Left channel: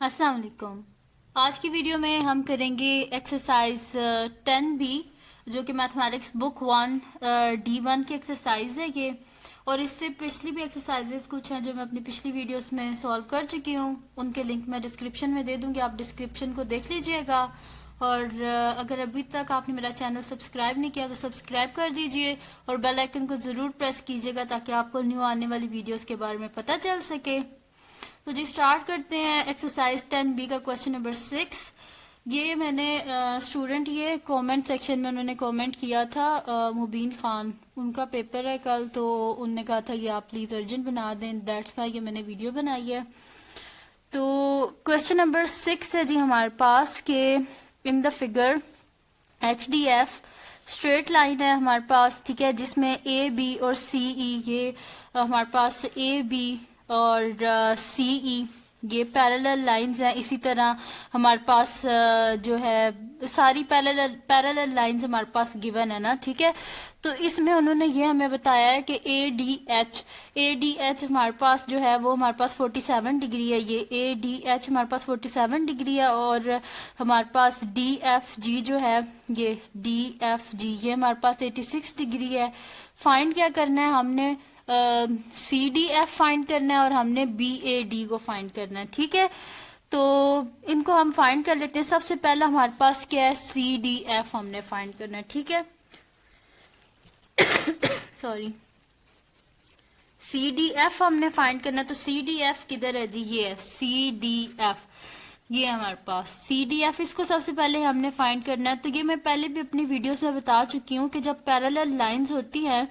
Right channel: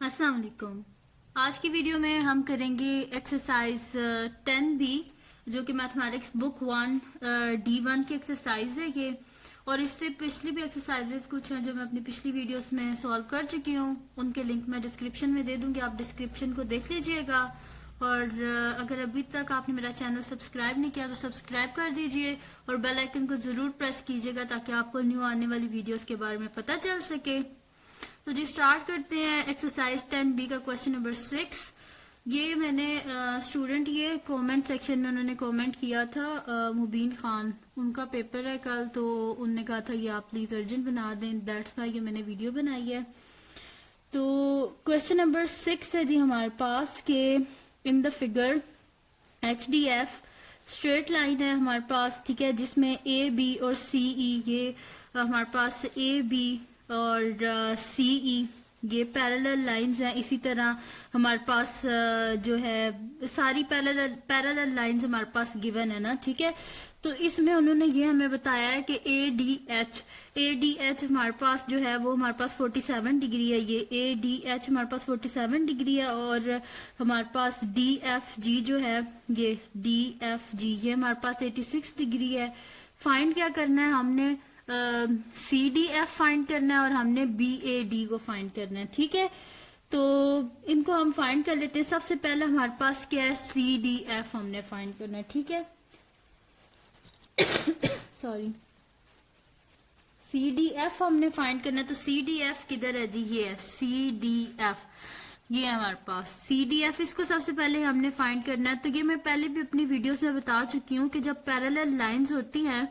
अस्सलाम वालेकुम। आज की वीडियो में हम करेंगे एक्सरसाइज 10B जो कि मैथमेटिक्स बुक 1 D1 की एक्सरसाइज है ये। और इससे पिछली भी एक्सरसाइजेस कुछ हैं जो मैं अपनी पिछली वीडियोस में सॉल्व कर चुकी हूँ। उनके लिंक मैं डिस्क्रिप्शन में दे दूंगी, आप डिस्क्रिप्शन को देख लीजिएगा। और अगर अभी तक आपने मेरा चैनल सब्सक्राइब नहीं किया तो सब्सक्राइब कर दीजिए और बेल आइकन को जरूर प्रेस कीजिएगा ताकि आपको न्यू आने वाली वीडियोस के बारे में पता चल सके। तो जी स्टार्ट करते हैं एक्सरसाइज 10B का क्वेश्चन नंबर 6। ये मैंने स्टूडेंट ये कमेंट सेक्शन में उन्होंने कमेंट किया था, मुबीन खान, उनका पेपर है कल, तो उनने कहा था ये आप प्लीज अर्जेंट बना दें, दैट्स वाई ये मैंने वीडियो बनाई है। तो क्वेश्चन नंबर 6 है जी हमारे पास के in the figure HDF straight line है हमारे पास, ठीक है, जिसमें AB और CE ये हमारे पास AB और CE ये पैरेलल लाइंस हैं। इसी तरह हमारे पास जो है सारी पैरेलल लाइंस हमारे पास गिवन है ना, ठीक है। तो इसमें उन्होंने ये हमें बताया है कि ADH हमारे पास जो है वो हमारे पास 47 डिग्री है। ये ADH हमारे पास 47 डिग्री है और हमारे पास DFG जो है ये DFG ये हमारे पास 86 डिग्री है। फाइंड क्या करना है हमने, CDF फाइंड करना है और हमने BAD को फाइंड करना है, ठीक है। तो इनको हम फाइंड कर लेते हैं। सबसे पहला हमारे पास क्या है, CDF हमने फाइंड करना है, ठीक है। सॉरी, CDF हमने फाइंड करना है। तो CDF किधर है जी, ये है CDF, ये है हमारे पास CDF। इसको सबसे पहले हमने फाइंड करना है। तो ये मैं पहले भी अपनी वीडियोस में बता चुकी हूँ कि जब पैरेलल लाइंस होती हैं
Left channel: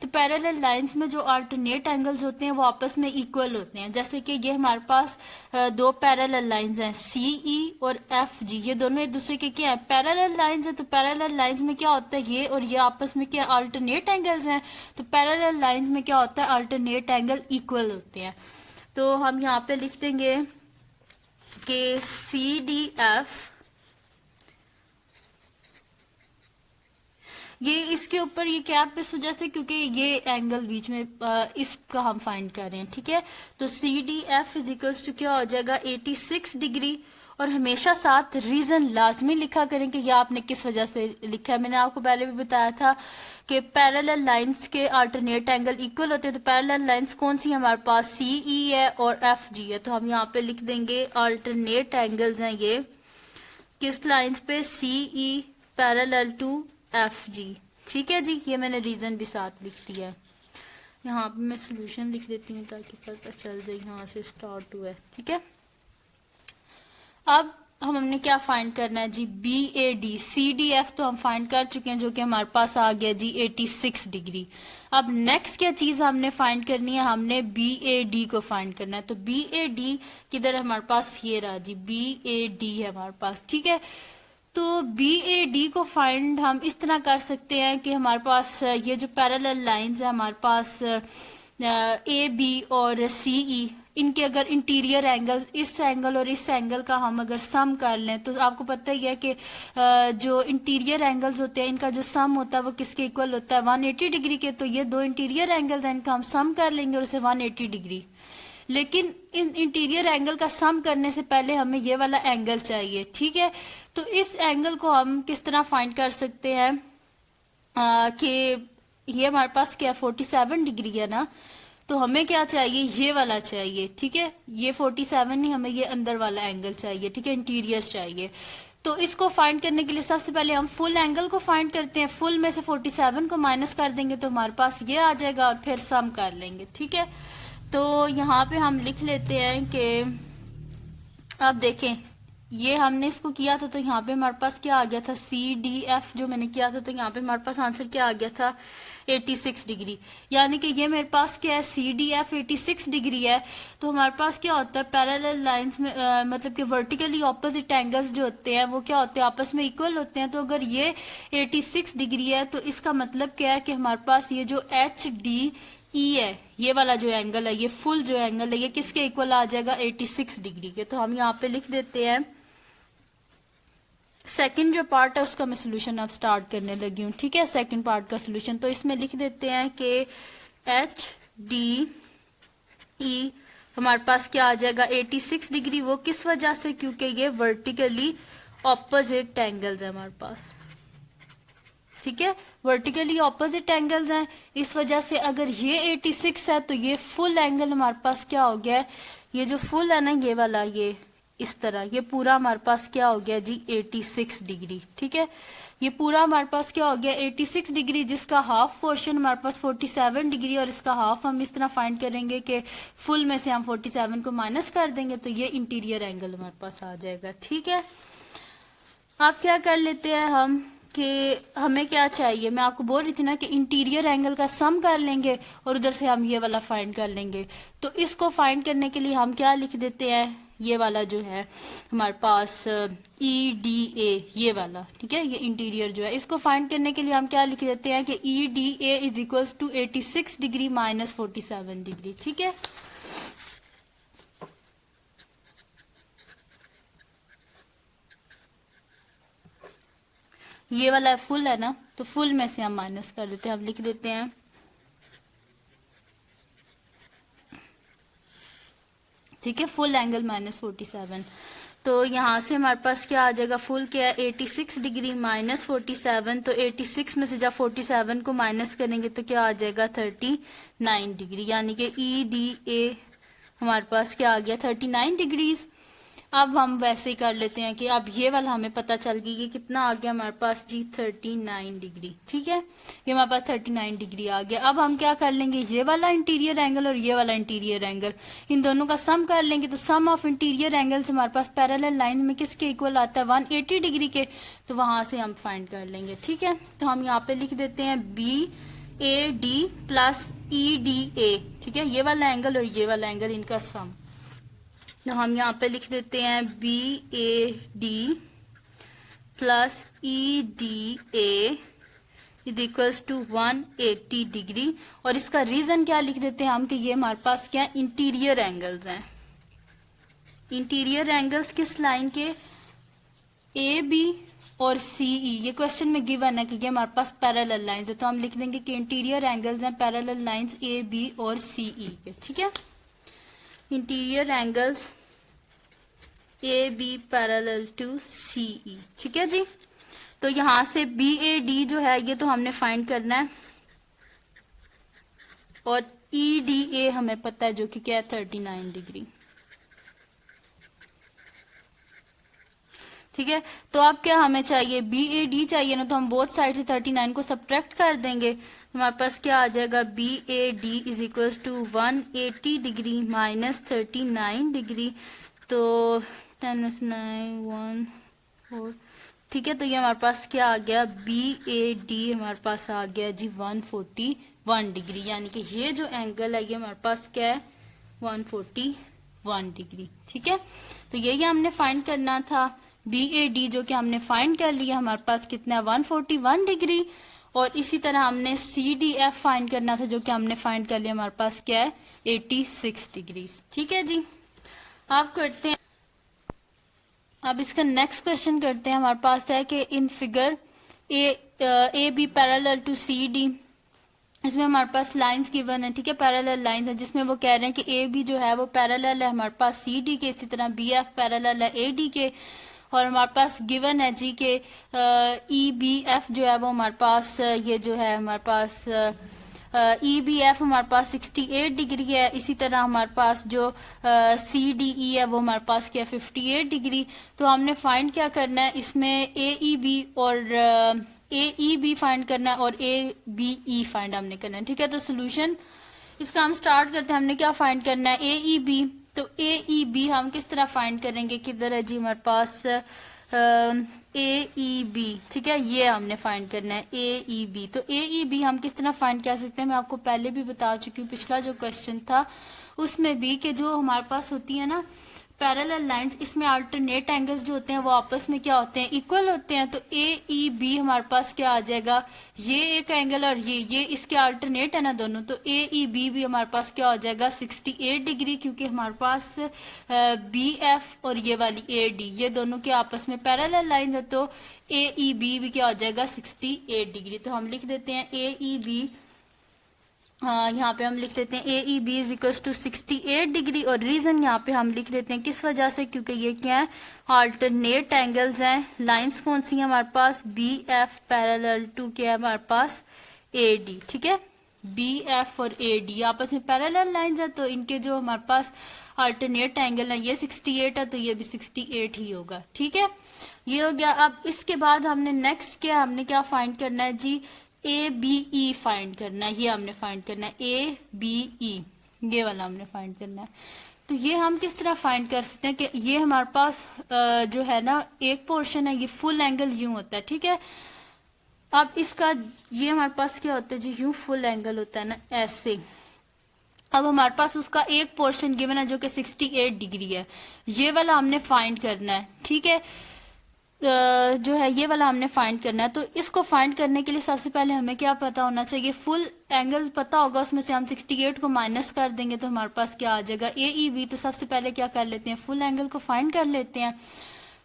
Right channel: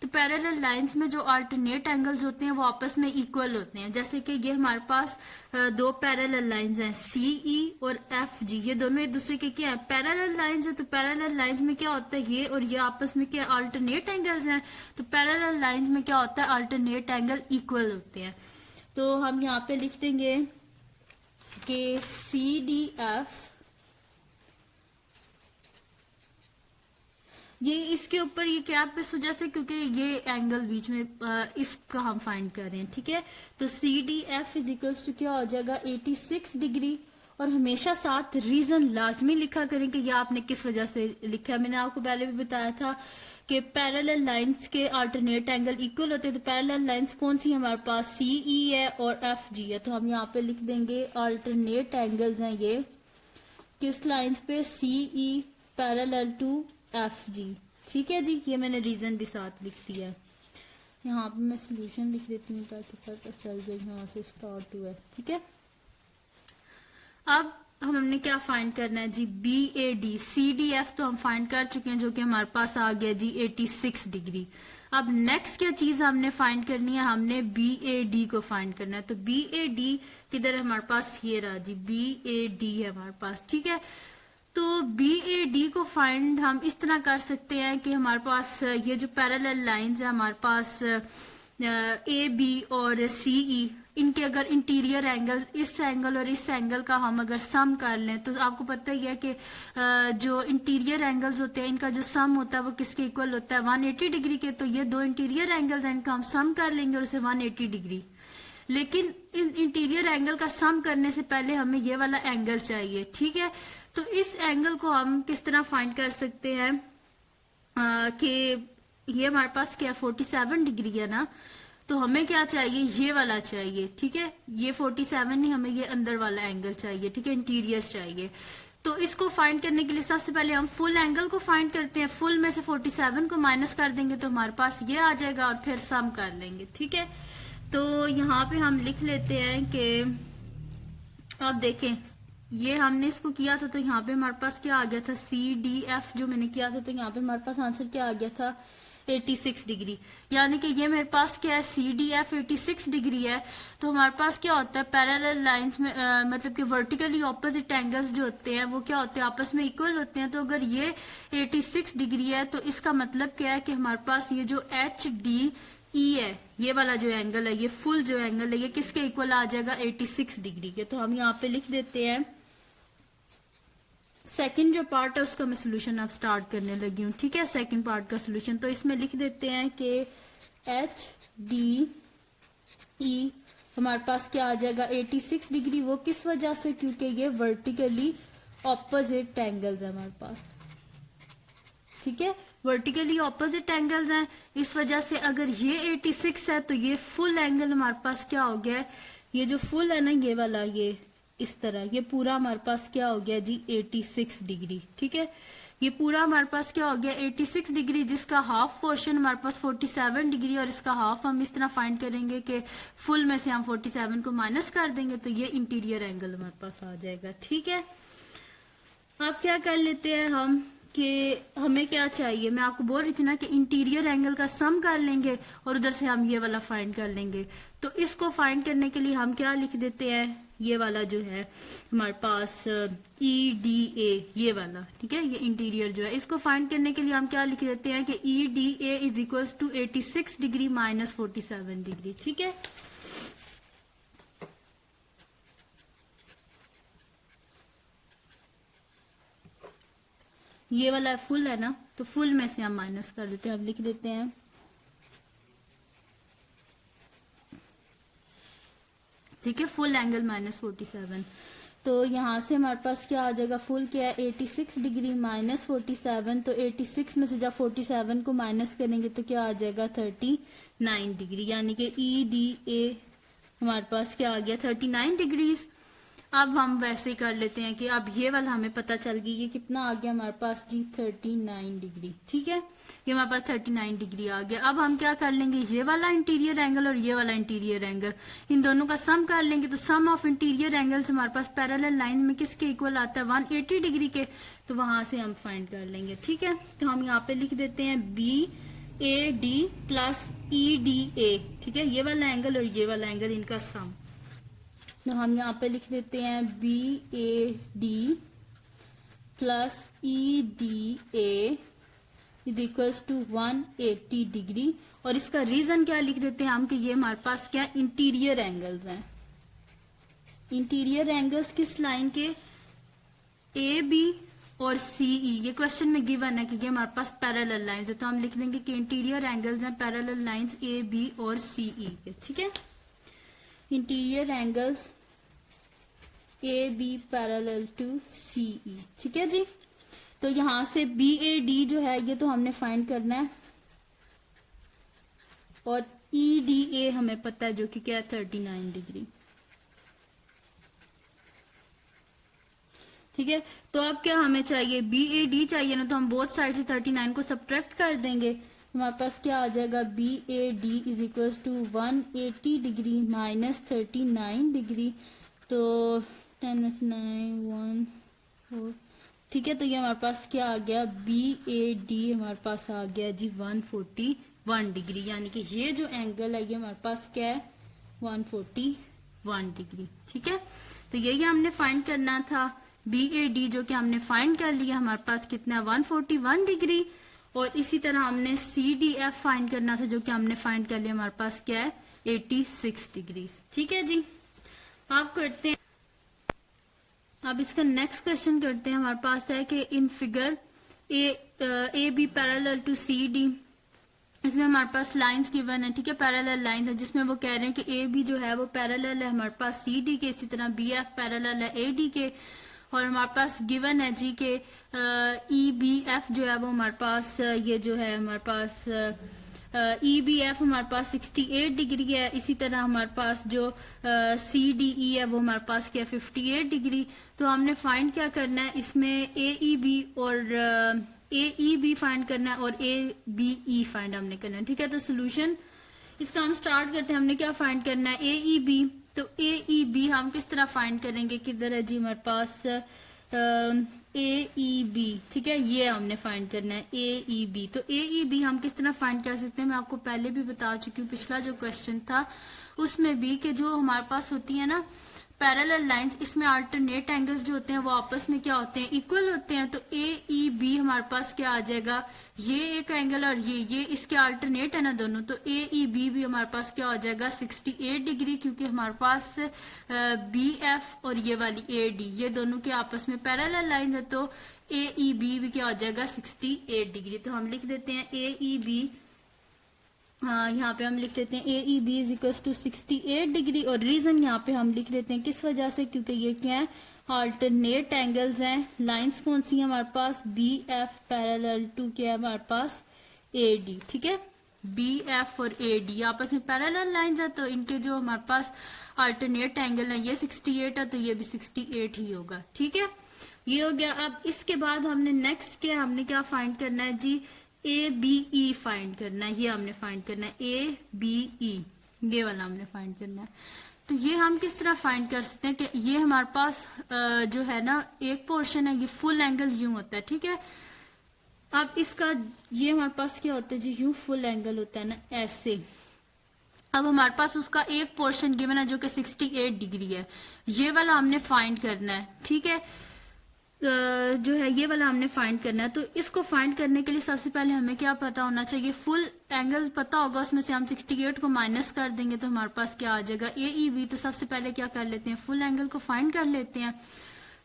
तो पैरेलल लाइंस में जो अल्टरनेट एंगल्स होते हैं वो आपस में इक्वल होते हैं। जैसे कि ये हमारे पास दो पैरेलल लाइंस हैं CE और FG, ये दोनों एक दूसरे के क्या है, पैरेलल लाइंस है। तो पैरेलल लाइंस में क्या होता है, ये और ये आपस में क्या अल्टरनेट एंगल्स हैं। तो पैरेलल लाइंस में क्या होता है, अल्टरनेट एंगल इक्वल होते हैं। तो हम यहाँ पे लिख देंगे कि CDF ये इसके ऊपर ये कैप इस वजह से क्योंकि ये एंगल बीच में इसका हम फाइंड कर रहे हैं, ठीक है। तो CDF इज इक्वल्स टू क्या हो जाएगा 86 डिग्री। और हमेशा साथ रीजन लाजमी लिखा करें कि यह आपने किस वजह से लिखा है। मैंने आपको पहले भी बताया था कि पैरेलल लाइंस के अल्टरनेट एंगल इक्वल होते हैं। तो पैरेलल लाइंस कौन सी हमारे पास, CE है और FG है। तो हम यहाँ पे लिख देंगे अल्टरनेट एंगल्स हैं ये किस लाइंस पे, CE पैरेलल टू FG, ठीक है जी। ये मैंने रीजन भी साथ लिख दिया है। यहाँ पे मैं सोल्यूशन लिख देती हूँ ताकि पता चल जाए यहाँ से स्टार्ट हुआ है, ठीक है। अब हमने क्या फाइंड करना है जी, BAD। CDF तो हम फाइंड कर चुके हैं जो कि हमारे पास आ गया जी 86 डिग्री। अब नेक्स्ट क्या चीज हमने फाइंड करनी है, हमने BAD को फाइंड करना है। तो BAD किधर है हमारे पास, ये रहा जी BAD है हमारे पास, ठीक है। तो BAD को फाइंड हम इस तरह कर सकते हैं कि हमारे पास ये जो पैरेलल लाइंस है हमारे पास AB और CE, इनके अगर इंटीरियर एंगल, इस एंगल और इस एंगल का हम अगर सम कर लें तो आपको पता ही है कि जो इंटीरियर एंगल्स होते हैं इनका जो सम होता है वो किसके इक्वल होता है, 180 डिग्री के। तो ये दो इंटीरियर एंगल्स हैं, इनका हम सम कर लेंगे और उसे 180 डिग्री। लेकिन इन इंटीरियर एंगल का सम करने से पहले हमें ये वाला एंगल चाहिए, ठीक है। तो इस एंगल को हम किस तरह फाइंड कर सकते हैं कि ये हमारे पास क्या 47 डिग्री है ना, तो हमें क्या चाहिए, ये वाला चाहिए, ठीक है। ये 47 नहीं, हमें ये अंदर वाला एंगल चाहिए, ठीक है, इंटीरियर चाहिए। तो इसको फाइंड करने के लिए सबसे पहले हम फुल एंगल को फाइंड करते हैं। फुल में से 47 को माइनस कर देंगे तो हमारे पास ये आ जाएगा और फिर सम कर लेंगे, ठीक है। तो यहाँ पे हम लिख लेते हैं कि अब देखें ये हमने इसको किया था तो यहाँ पे हमारे पास क्या आ गया था, CDF जो मैंने किया था, तो यहाँ पे हमारे पास आंसर क्या आ गया था 86 डिग्री। यानी कि ये मेरे पास क्या है, CDF 86 डिग्री है। तो हमारे पास क्या होता है, पैरेलल लाइंस में मतलब कि वर्टिकली ऑपोजिट एंगल्स जो होते हैं वो क्या होते हैं, आपस में इक्वल होते हैं। तो अगर ये 86 डिग्री है तो इसका मतलब क्या है कि हमारे पास ये जो HDE है, ये वाला जो एंगल है, ये फुल जो एंगल है, ये किसके इक्वल आ जाएगा 86 डिग्री के। तो हम यहाँ पे लिख देते हैं सेकंड जो पार्ट है उसका मैं सोल्यूशन अब स्टार्ट करने लगी हूँ, ठीक है। सेकंड पार्ट का सोल्यूशन तो इसमें लिख देते हैं कि HDE हमारे पास क्या आ जाएगा 86 डिग्री। वो किस वजह से, क्योंकि ये वर्टिकली ऑपोजिट एंगल्स है हमारे पास, ठीक है, वर्टिकली ऑपोजिट एंगल्स हैं। इस वजह से अगर ये 86 है तो ये फुल एंगल हमारे पास क्या हो गया है, ये जो फुल है ना ये वाला, ये इस तरह, ये पूरा हमारे पास क्या हो गया जी 86 डिग्री, ठीक है। ये पूरा हमारे पास क्या हो गया 86 डिग्री, जिसका हाफ पोर्शन हमारे पास 47 डिग्री, और इसका हाफ हम इस तरह फाइंड करेंगे कि फुल में से हम 47 को माइनस कर देंगे तो ये इंटीरियर एंगल हमारे पास आ जाएगा, ठीक है। अब क्या कर लेते हैं हम कि हमें क्या चाहिए, मैं आपको बोल रही थी ना कि इंटीरियर एंगल का सम कर लेंगे और उधर से हम ये वाला फाइंड कर लेंगे। तो इसको फाइंड करने के लिए हम क्या लिख देते हैं, ये वाला जो है हमारे पास EDA, ये वाला, ठीक है, ये इंटीरियर जो है, इसको फाइंड करने के लिए हम क्या लिख देते हैं कि EDA is equal to 86 degree minus 47 degree, ठीक है। ये वाला फुल है ना, तो फुल में से हम माइनस कर देते हैं, हम लिख देते हैं ठीक है, फुल एंगल माइनस 47। तो यहाँ से हमारे पास क्या आ जाएगा, फुल क्या है 86 डिग्री माइनस 47, तो 86 में से जब 47 को माइनस करेंगे तो क्या आ जाएगा 39 डिग्री, यानी कि EDA हमारे पास क्या आ गया 39 डिग्रीज। अब हम वैसे ही कर लेते हैं कि अब ये वाला हमें पता चल गई कि कितना आ गया हमारे पास जी 39 डिग्री, ठीक है, ये हमारे पास 39 डिग्री आ गया। अब हम क्या कर लेंगे, ये वाला इंटीरियर एंगल और ये वाला इंटीरियर एंगल, इन दोनों का सम कर लेंगे। तो सम ऑफ इंटीरियर एंगल्स हमारे पास पैरेलल लाइन में किसके इक्वल आता है 180 डिग्री के, तो वहां से हम फाइंड कर लेंगे, ठीक है। तो हम यहाँ पे लिख देते हैं BAD प्लस EDA, ठीक है, ये वाला एंगल और ये वाला एंगल इनका सम। तो हम यहाँ पे लिख देते हैं BAD plus EDA is equals to 180 degree, और इसका रीजन क्या लिख देते हैं हम कि ये हमारे पास क्या इंटीरियर एंगल्स हैं। इंटीरियर एंगल्स किस लाइन के, AB और CE, ये क्वेश्चन में गिवन है कि ये हमारे पास पैरेलल लाइंस है, तो हम लिख देंगे कि इंटीरियर एंगल्स हैं पैरेलल लाइंस AB और CE के, ठीक है। Interior angles AB parallel to CE, ठीक है जी। तो यहां से BAD जो है ये तो हमने फाइंड करना है, और EDA हमें पता है जो कि क्या है 39 डिग्री, ठीक है। तो अब क्या हमें चाहिए, BAD चाहिए ना, तो हम बोथ साइड से 39 को सब्ट्रैक्ट कर देंगे, हमारे पास क्या आ जाएगा BAD is equal to 180 degree minus 39 degree, तो 10 9 1 4, ठीक है। तो ये हमारे पास क्या आ गया BAD हमारे पास आ गया जी 141 डिग्री, यानी कि ये जो एंगल है ये हमारे पास क्या है 141 डिग्री, ठीक है। तो यही हमने फाइंड करना था, BAD जो कि हमने फाइंड कर लिया, हमारे पास कितना है 141 डिग्री, और इसी तरह हमने CDF फाइंड करना था जो कि हमने फाइंड कर लिया, हमारे पास क्या है 86 डिग्री, ठीक है जी। आप करते हैं, अब इसका नेक्स्ट क्वेश्चन करते हैं। हमारे पास है कि in figure AB parallel to CD, इसमें हमारे पास लाइंस गिवन है, ठीक है, पैरेलल लाइंस है, जिसमें वो कह रहे हैं कि AB जो है वो पैरेलल है हमारे पास CD के, इसी तरह BF पैरेलल है AD के, और हमारे पास गिवन है जी के EBF जो है वो हमारे पास ये जो है हमारे पास EBF हमारे पास 68 डिग्री है, इसी तरह हमारे पास जो CDE है वो हमारे पास क्या 58 डिग्री। तो हमने फाइंड क्या करना है, इसमें AEB और AEB फाइंड करना है और ABE फाइंड हमने करना है, ठीक है। तो सोल्यूशन इसका हम स्टार्ट करते हैं, हमने क्या फाइंड करना है AEB, तो AEB हम किस तरह फाइंड करेंगे, किधर है जी हमारे पास AEB, ठीक है, ये हमने फाइंड करना है AEB। तो AEB हम किस तरह फाइंड कर सकते हैं, मैं आपको पहले भी बता चुकी हूँ, पिछला जो क्वेश्चन था उसमें भी, कि जो हमारे पास होती है ना पैरेलल लाइंस, इसमें अल्टरनेट एंगल्स जो होते हैं वो आपस में क्या होते हैं इक्वल होते हैं। तो AEB हमारे पास क्या आ जाएगा, ये एक एंगल और ये इसके अल्टरनेट है ना दोनों, तो AEB भी हमारे पास क्या हो जाएगा 68 डिग्री, क्योंकि हमारे पास BF और ये वाली AD ये दोनों के आपस में पैरेलल लाइन है, तो AEB भी क्या हो जाएगा 68 डिग्री। तो हम लिख देते हैं AEB यहाँ पे हम लिख देते हैं A E B is equal to 68 degree, और रीजन यहाँ पे हम लिख देते हैं किस वजह से, क्योंकि ये क्या है, अल्टरनेट एंगल्स हैं। लाइंस कौन सी हैं हमारे पास, बी एफ पैरेलल टू क्या है हमारे पास, ए डी। ठीक है, बी एफ और ए डी आपस में पैरेलल लाइंस है, तो इनके जो हमारे पास अल्टरनेट एंगल है ये 68 है, तो ये भी 68 ही होगा। ठीक है, ये हो गया। अब इसके बाद हमने नेक्स्ट क्या, हमने क्या फाइंड करना है जी, ए बी ई फाइंड करना है। ये हमने फाइंड करना है ए बी ई, ये वाला हमने फाइंड करना है। तो ये हम किस तरह फाइंड कर सकते हैं कि ये हमारे पास जो है ना एक पोर्शन है, ये फुल एंगल यूं होता है। ठीक है, अब इसका ये हमारे पास क्या होता है जी, यूं फुल एंगल होता है ना ऐसे। अब हमारे पास उसका एक पोर्शन गिवन है जो कि 68 डिग्री है, ये वाला हमने फाइंड करना है। ठीक है, जो है ये वाला हमने फाइंड करना है। तो इसको फाइंड करने के लिए सबसे पहले हमें क्या पता होना चाहिए, फुल एंगल पता होगा, उसमें से हम 68 को माइनस कर देंगे तो हमारे पास क्या आ जाएगा, ए ई बी। तो सबसे पहले क्या कर लेते हैं, फुल एंगल को फाइंड कर लेते हैं।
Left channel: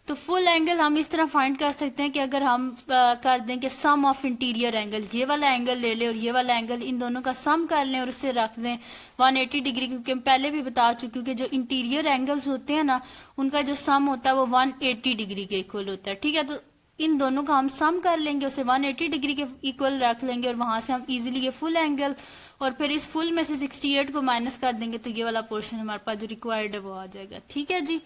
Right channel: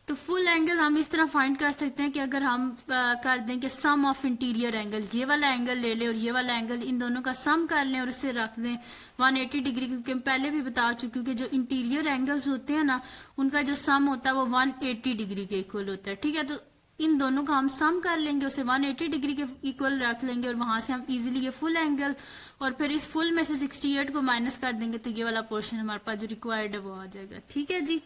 तो फुल एंगल हम इस तरह फाइंड कर सकते हैं कि अगर हम कर दें कि सम ऑफ इंटीरियर एंगल, ये वाला एंगल ले लें और ये वाला एंगल, इन दोनों का सम कर लें और इसे रख दें 180 डिग्री, क्योंकि हम पहले भी बता चुके हैं कि जो इंटीरियर एंगल्स होते हैं ना उनका जो सम होता है वो 180 डिग्री के इक्वल होता है। ठीक है, तो इन दोनों का हम सम कर लेंगे, उसे 180 डिग्री के इक्वल रख लेंगे और वहां से हम इजीली ये फुल एंगल, और फिर इस फुल में से 68 को माइनस कर देंगे तो ये वाला पोर्शन हमारे पास जो रिक्वायर्ड है वो आ जाएगा। ठीक है जी,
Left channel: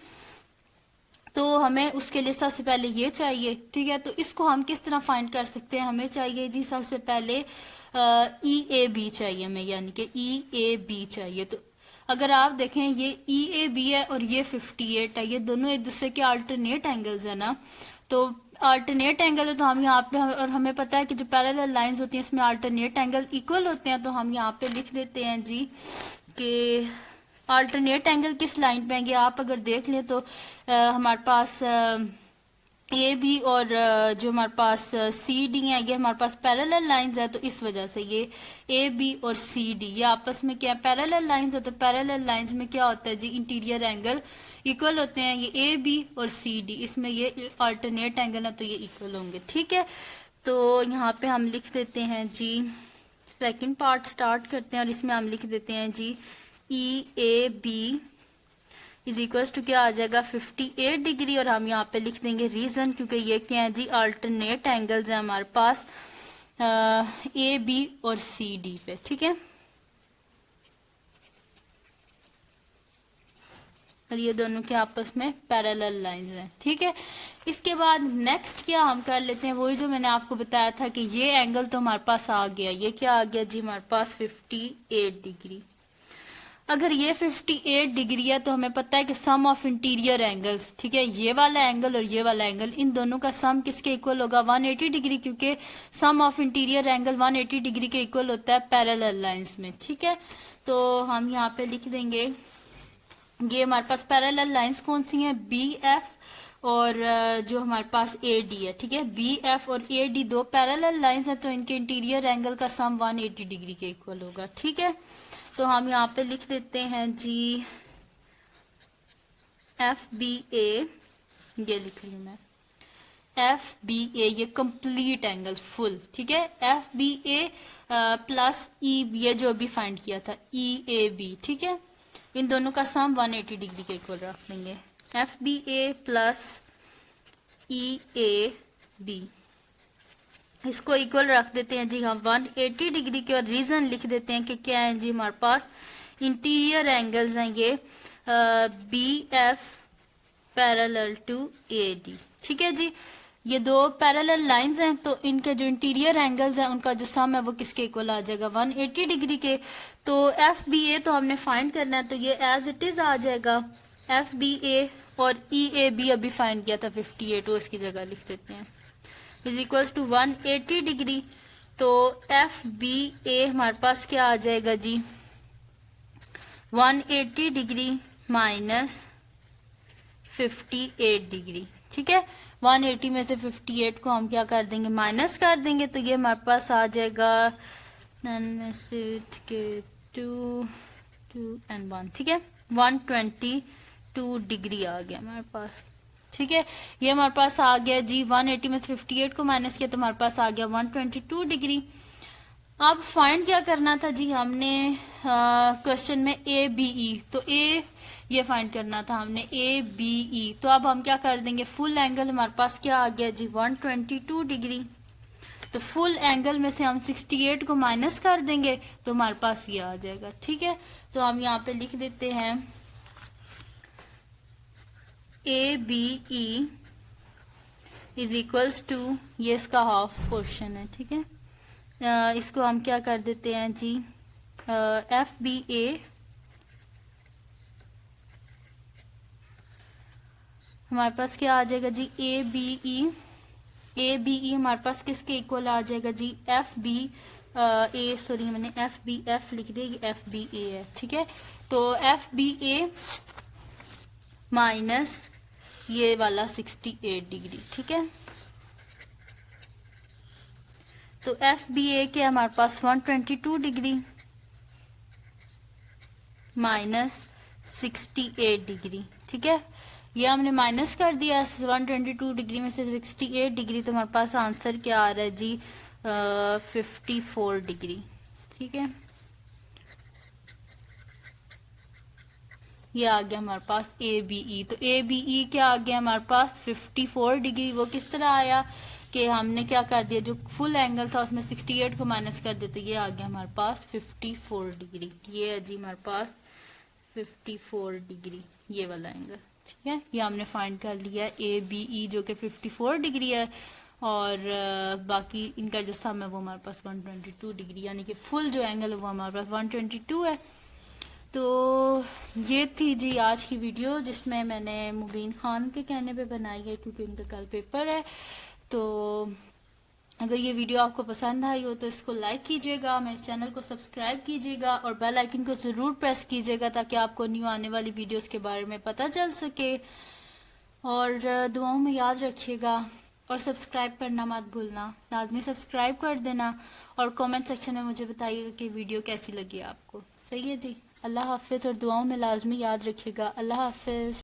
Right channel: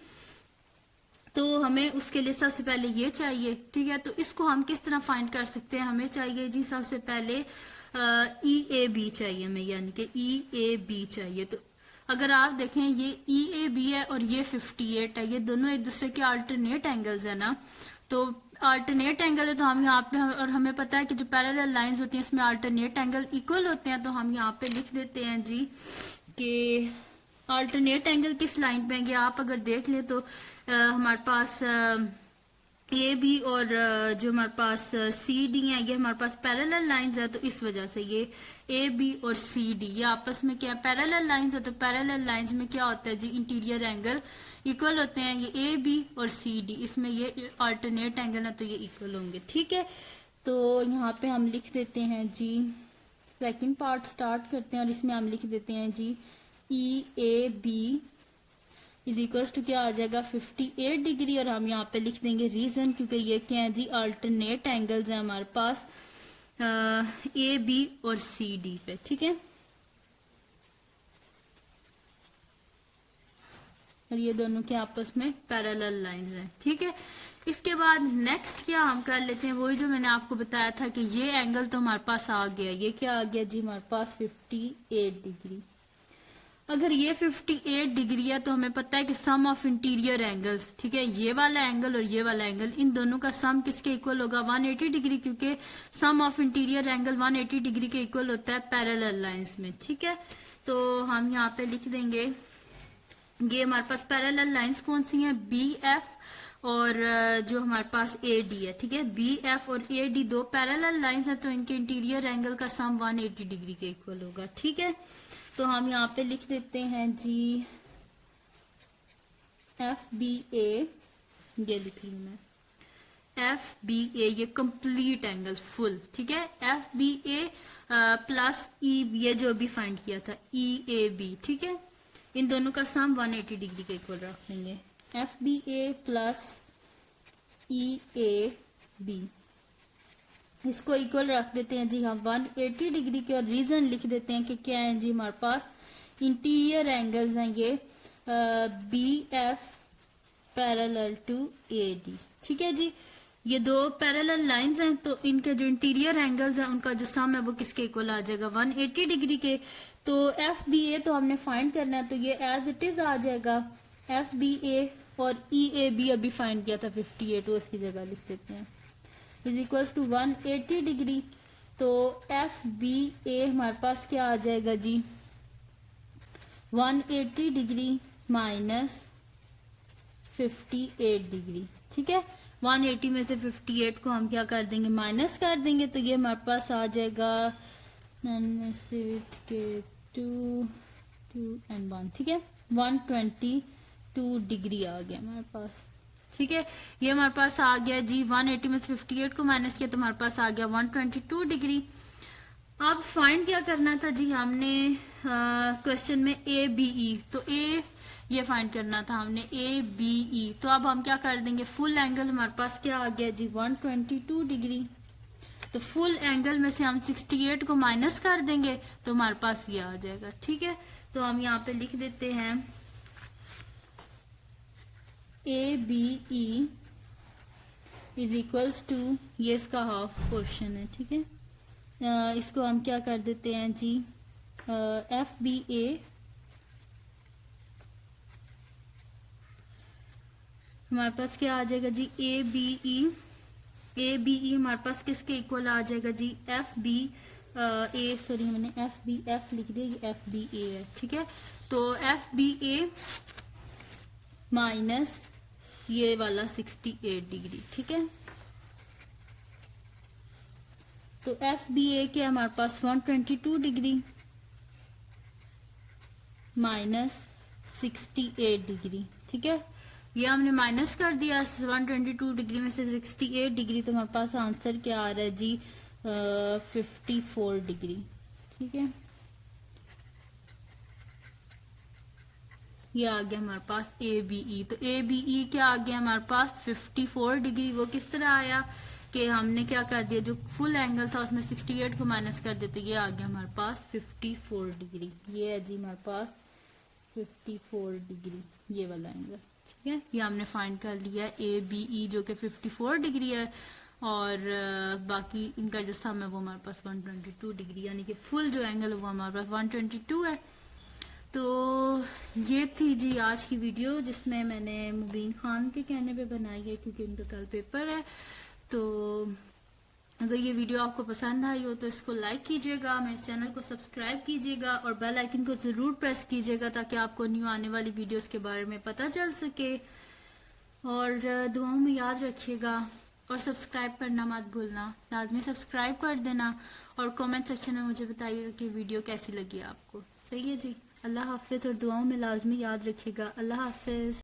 तो हमें उसके लिए सबसे पहले ये चाहिए। ठीक है, तो इसको हम किस तरह फाइंड कर सकते हैं, हमें चाहिए जी सबसे पहले ई ए बी चाहिए हमें, यानी कि ई ए बी चाहिए। तो अगर आप देखें ये ई ए बी है और ये 58 है, ये दोनों एक दूसरे के अल्टरनेट एंगल्स है ना। तो अल्टरनेट एंगल है तो हम यहाँ पे, और हमें पता है कि जो पैरेलल लाइंस होती हैं इसमें अल्टरनेट एंगल इक्वल होते हैं, तो हम यहाँ पे लिख देते हैं जी कि अल्टरनेट एंगल किस लाइन पे आएंगे। आप अगर देख ले तो हमारे पास ए बी और जो हमारे पास सी डी है ये हमारे पास पैरेलल लाइंस है, तो इस वजह से ये ए बी और सी डी ये आपस में क्या पैरेलल लाइंस है। तो पैरेलल लाइंस में क्या होता है जी, इंटीरियर एंगल इक्वल होते हैं, ये ए बी और सी डी, इसमें ये अल्टरनेट एंगल है तो ये इक्वल होंगे। ठीक है, तो यहाँ पे हम लिख देते हैं जी, सेकंड पार्ट स्टार्ट करते हैं और इसमें हम लिख देते हैं जी E A B is equals to क्या आ जाएगा 58 डिग्री, और हम यहाँ पे लिख देंगे रीजन, क्योंकि ये क्या है जी अल्टरनेट एंगल्स है हमारे पास ए बी और सी डी पे। ठीक है, और ये दोनों के आपस में पैरेलल लाइंस हैं। ठीक है, इसके बाद नेक्स्ट क्या हम कर लेते हैं, वही जो मैंने आपको बताया था कि ये एंगल तो हमारे पास आ गया, ये क्या आ गया जी हमारे पास 58 डिग्री। अगर ये 58 डिग्री है तो हमें पता है कि सम ऑफ इंटीरियर एंगल्स, ठीक है, ये वाला एंगल और ये वाला एंगल, इन दोनों का सम किसके इक्वल होगा 180 डिग्री, क्योंकि सम ऑफ इंटीरियर एंगल 180 डिग्री के इक्वल होता है पैरेलल लाइंस में। ठीक है, तो हम यहाँ पे लिख देंगे ये हमारे पास पैरेलल लाइंस कौन सी हैं, बी एफ और जो हमारे पास ए डी है। ठीक है, बी एफ और ए डी दो पैरेलल लाइंस हैं, तो इनके इंटीरियर एंगल का सम 180 डिग्री के इक्वल होगा। ठीक है, तो हम यहाँ पे लिख देते हैं जी एफ बी ए, ये लिख ली मैं एफ बी ए, ये कंप्लीट एंगल फुल। ठीक है, एफ बी ए प्लस ई, ये जो अभी फाइंड किया था ई ए बी। ठीक है, इन दोनों का सम 180 डिग्री के इक्वल रख लेंगे, F B A plus E A B, इसको इक्वल रख देते हैं जी हम 180 डिग्री के, और रीजन लिख देते हैं कि क्या है जी हमारे पास इंटीरियर एंगल्स हैं ये B F parallel to A D. ठीक है जी, ये दो पैरेलल लाइंस हैं, तो इनके जो इंटीरियर एंगल्स हैं उनका जो सम है वो किसके इक्वल आ जाएगा 180 डिग्री के। तो एफ बी ए तो हमने फाइंड करना है, तो ये एज इट इज आ जाएगा एफ बी ए, और ई ए बी अभी फाइंड किया था 58, तो इसकी जगह लिख देते हैं इज इक्वल्स टू 180 डिग्री। तो एफ बी ए हमारे पास क्या आ जाएगा जी 180 डिग्री माइनस 58 डिग्री। ठीक है, 180 में से 58 को हम क्या कर देंगे माइनस कर देंगे, तो ये हमारे पास आ जाएगा 2 एंड 1। ठीक है, 122 डिग्री आ गया हमारे पास। ठीक है, ये हमारे पास आ गया जी 180 में 58 को माइनस किया तो हमारे पास आ गया 122 डिग्री। अब फाइंड क्या करना था जी, हमने क्वेश्चन में ए बी ई, तो ए ये फाइंड करना था हमने ए बी ई। तो अब हम क्या कर देंगे, फुल एंगल हमारे पास क्या आ गया जी 122 डिग्री। तो फुल एंगल में से हम 68 को माइनस कर देंगे तो हमारे पास ये आ जाएगा। ठीक है, तो हम यहाँ पे लिख देते हैं A B E is equals to, ये इसका हाफ पोर्शन है। ठीक है, इसको हम क्या कर देते हैं जी, एफ बी ए हमारे पास क्या आ जाएगा जी, ए बी ई। ए बी ई हमारे पास किसके इक्वल आ जाएगा जी, एफ बी ए, सॉरी मैंने एफ बी एफ लिख दिया, ये एफ बी ए है। ठीक है, तो एफ बी ए माइनस ये वाला 68 डिग्री। ठीक है, तो एफ बी ए के हमारे पास 122 डिग्री माइनस 68 डिग्री। ठीक है, ये हमने माइनस कर दिया 122 डिग्री में से 68 डिग्री, तो हमारे पास आंसर क्या आ रहा है जी 54 डिग्री। ठीक है, ये आ गया हमारे पास ए बी ई। तो ए बी ई क्या आ गया हमारे पास 54 डिग्री। वो किस तरह आया कि हमने क्या कर दिया, जो फुल एंगल था उसमें 68 को माइनस कर दिया, तो ये आ गया हमारे पास 54 डिग्री। ये है जी हमारे पास 54 डिग्री, ये वाला एंगल। ठीक है, ये हमने फाइंड कर लिया ए बी ई जो कि 54 डिग्री है, और बाकी इनका जो सम है वो हमारे पास 122 डिग्री, यानी कि फुल जो एंगल है वो हमारे पास 122 है। तो ये थी जी आज की वीडियो, जिसमें मैंने मुबीन खान के कहने पे बनाई है, क्योंकि उनका कल पेपर है। तो अगर ये वीडियो आपको पसंद आई हो तो इसको लाइक कीजिएगा, मेरे चैनल को सब्सक्राइब कीजिएगा और बेल आइकन को जरूर प्रेस कीजिएगा, ताकि आपको न्यू आने वाली वीडियोस के बारे में पता चल सके। और दुआओं में याद रखिएगा, और सब्सक्राइब करना मत भूलना, लाजमी सब्सक्राइब कर देना, और कमेंट सेक्शन में मुझे बताइएगा कि वीडियो कैसी लगी आपको। सही है जी, अल्लाह हाफिज, और दुआओं में लाजमी याद रखिएगा। अल्लाह हाफिज।